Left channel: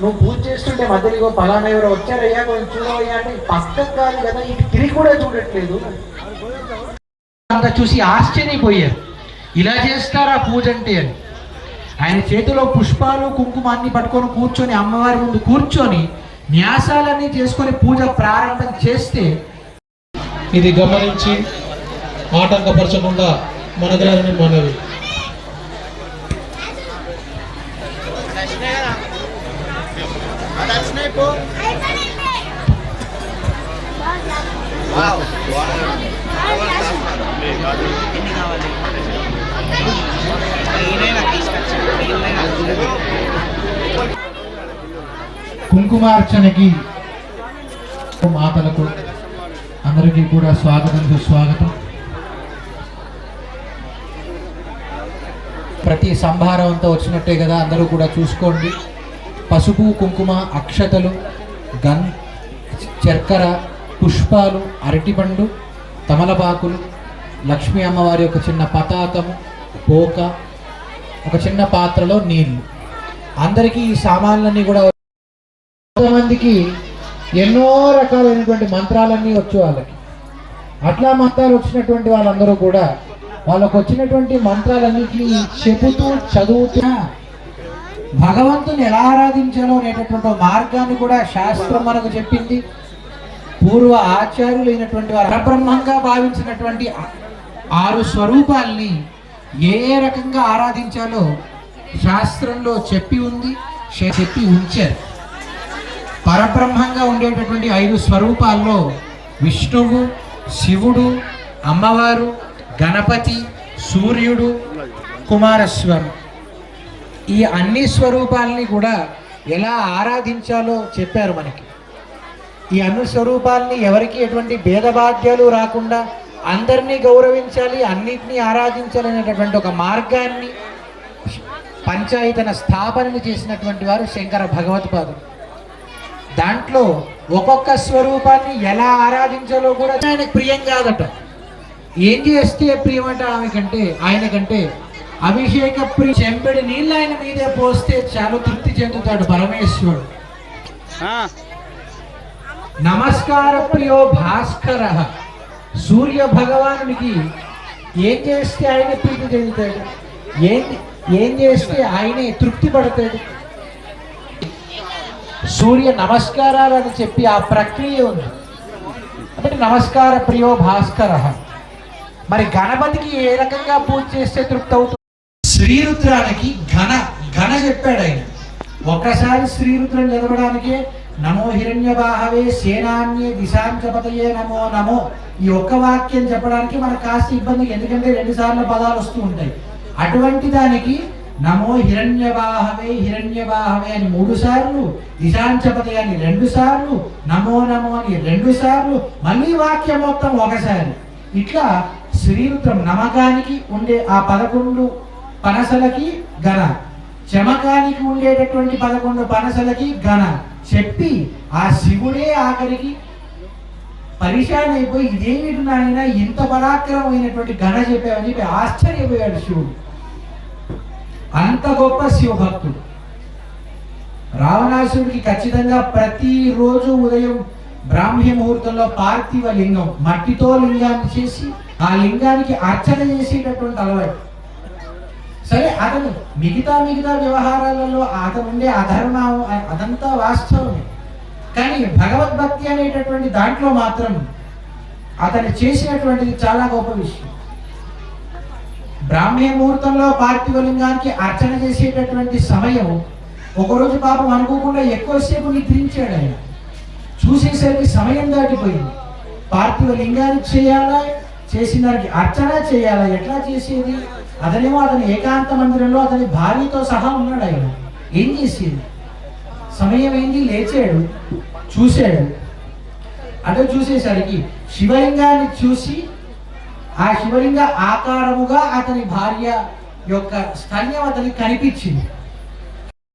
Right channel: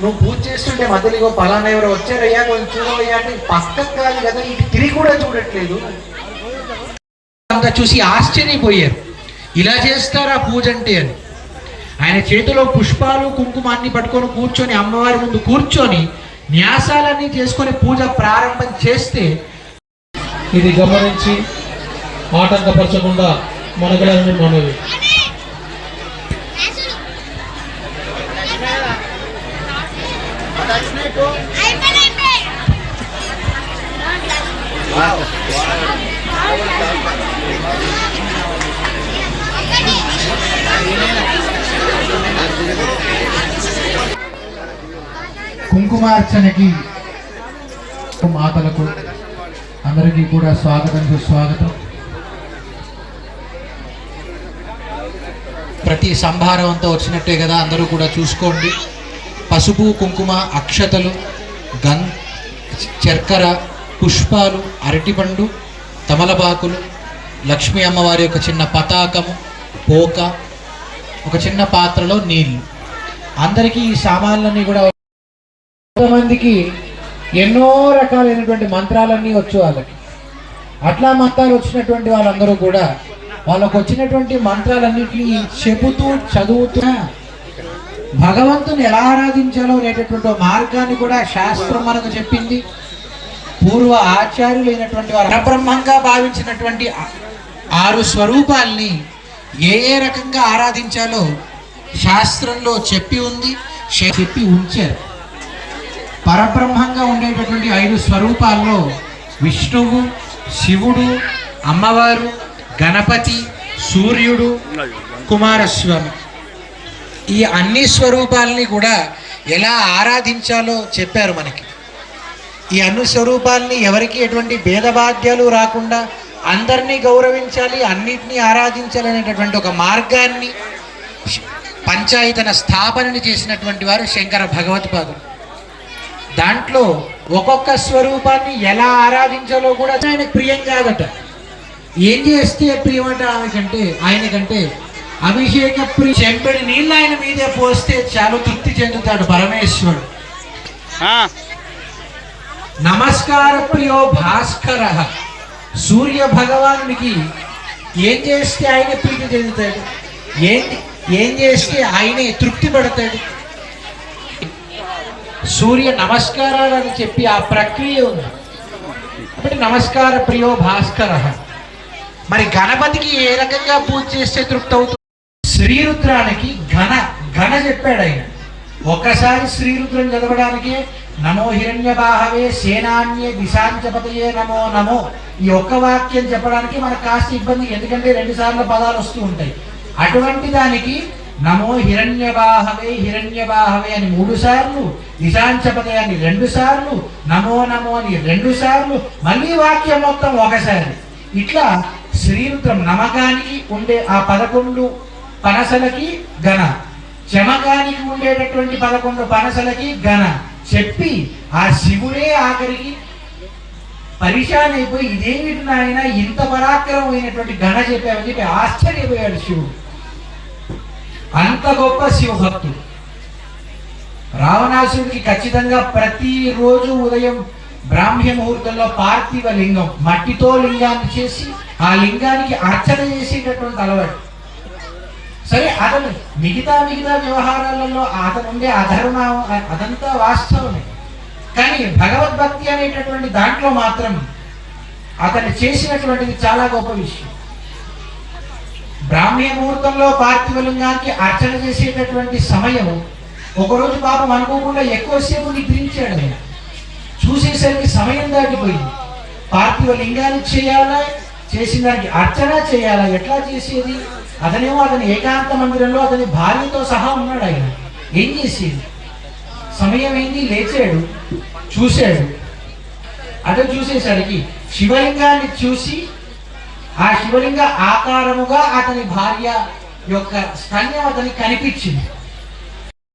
నువ్వు పూజ చేస్తుంటే మధ్యలో ఇగో పలానా ఎవరో వచ్చారయ్యా కొంచెం చూడవయ్యా అంటే పక్కకు కాదు కదా ఇటు తిరిగి కూడా చూడట్లేదు. అంతా చూసి ఆశ్చర్యపోయారు. ఇలా చేస్తారా పూజ అంటే అని. ఆయన చేతిలో పుష్పాలు కుంకుమాన్ని పట్టుకొని కూర్చొని అమ్మవారి ముందు కూర్చొని న్యాసాలన్నీ చేసుకొని పూజ ప్రారంభం చేస్తే ఇది గమనించి ఆటంకపరచకుండా మనగలని మనవి. కుంకుమార్చనకి మాతలకు అందరికీ కూడా స్వాగతం సుస్వాగతం. ప్రతి సంభారంతో వచ్చినట్టే కదా అందరూ కూడా చూసుకోండి. పసుపు కుంకుమ అక్షతలు గన్ చక్కెర పుష్పాలు అరటిపండు తమలపాకులు లక్ష్మీ అమ్మవారి యొక్క చిన్న పతాకము పోక ఒక చిన్న పాత్రలో నీళ్ళు. అందరికీ ఈ సామాన్లన్నీ కూడా కొంతమందికి ఎన్నో రకాలైనటువంటి మంత్రాలన్నీ వచ్చు వాళ్ళకి. అట్లా మంత్రాలు వచ్చినటువంటి వాళ్ళందరూ కూడా వాళ్ళకు వచ్చినటువంటి మంత్రాలన్నింటినీ చెబుతూ చదువుతూ భగవంతుని ఎలా ఆరాధించాలో అనేటటువంటి మార్గాన్ని కూడా శాస్త్రం మనకు చెప్పింది. పూర్వ ఆచార్యులైనటువంటి వారు పరబ్రహ్మంగా భావించినటువంటి ఆరు స్వరూపాల్ని ఏ ఏ రకంగా ఆరాధించాలో శాస్త్రంలో చెప్పి ఉంది చెప్పి ఉంచారు. పరబ్రహ్మంగా ఉండేటటువంటి ఐదు స్వరూపాల్లో విష్ణువు శివుడు అమ్మవారు గణపతి సూర్యుడు కుమారస్వామి. ఈ అన్ని స్వరూపాలని కూడా ఎలా ఆరాధించాలో చెప్పారు మనకి. ఈ అన్ని స్వరూపాలని ఎవరికి ఎటువంటి భేదబాధ్యాలు రాకుండా అందరినీ గౌరవించాలి అన్నిటినీ ఆరాధించాలి అనేటటువంటి ఒక మార్గాన్ని పంచాయతన స్థాపనని చేసినటువంటి వారు శంకర భగవత్పాదులు. దాంట్లో ఒక్కొక్క స్వరూపాన్ని ఎలా ఆరాధించాలో కూడా ఆయనకు ప్రియం కాదట. ఏం చేస్తే ప్రియమట ఆమెకంటే ఆయనకంటే అభిషేక ప్రియ చెంపెడి నీళ్ళు ఆయన మీదే పోస్తే చాలా తృప్తి చెందుతాడు పరమేశ్వరుడు. నమస్కార ప్రియో భాస్కర. సూర్య భగవానునికి ఏం చేస్తే ఆయన ప్రీతి చెందుతాడు? ఏం ఏం చేస్తే ఆయనే తృప్తి పడతాడు? సూర్య నమస్కారాలు అని చెప్పి ఆ ప్రక్రియ ఉంది. కాబట్టి నమస్కార ప్రియో భాస్కర. మరి గణపతికి ఏ రకంగా పూజ చేస్తే తృప్తి అవుతుంది? శ్రీరుద్రానికి ఘన ఘన చెప్పాడు ఆయన. ఒకసారి శ్రీరుద్రం చదవడానికి నమో హిరణ్య బాహవే సేనాన్య దిశాంచపతయే నమో నమో. ఈ ఒక్క వాక్యం చెప్పడానికి మనకు కాస్త ఇబ్బంది ఎందుకంటే రెండు సార్లు పదాలు వస్తూ ఉంటాయి. అటువంటి దానికి నమో హిరణ్య బాహవే హిరణ్య బాహవే అని మూడు సార్లు దిశాంచపతి అని రెండు సార్లు నమో నమో అని రెండు సార్లు మళ్ళీ వాక్యం మొత్తం ఒకసారి. ఇట్లా శ్రీరుద్రం నమకానికి ఉండే ఆ పదకొండు పనసలకి ఘన. చమకానికి ఉండేటటువంటి పదకొండు పనసలకి ఘన. చెప్పి ఆ శివుడే ఆఖరికి పరిశాన్ అయిపోయి ఇదేమిటి నాయన ఇంత పరాక్రమమైనటువంటి గణ చెప్పామని చెప్పి ఆశ్చర్యపోయాడు శివుడు. అంత గొప్ప శివభక్తుడు. రావణాసుడికి ఖచ్చితంగా ప్రతిరోజు ఉదయం బ్రాహ్మ్య ముహూర్తంలో పార్థివ లింగం మట్టితో లింగాన్ని చేసి ఆ లింగానికి అర్చన చేసేటటువంటి అలవాటు. సరే అతను మిగతా మిగతా వ్యవహారాలలో అతను ఉండే అధర్మ అదంతా వాస్తవమే. కానీ భగవద్భక్తి అనేటటువంటి దాంట్లో మాత్రం అతను చేసినటువంటిది చాలా గొప్ప విషయం. బ్రాహ్మీ ముహూర్తంలో పార్థివలింగానికి అర్చన చేసేటటువంటి సమయం ఒకరోజు పాపం అనుకోకుండా ఎక్కువసేపు నిద్రించాడు ఆయన. చూసేసరికి సమయం దాటిపోయింది. పార్థివ లింగానికి చేయాలా? చేసిన దానికి అర్చన చేయాలా? ఎట్లా చేసేది? అతనేమో అతని ఏకాంత మందిరంలో అతని భార్యతో సహా ఉన్నాడు ఆయన. ఏం చేసేది? సమయం ఏంది లేచాడు చూశాడు. అతను చూసేసరికి శివలింగాన్ని చూసి ఆ శివలింగ ఆకారముగా అతని భార్య యొక్క స్తన్యం అతనికి కనిపించింది.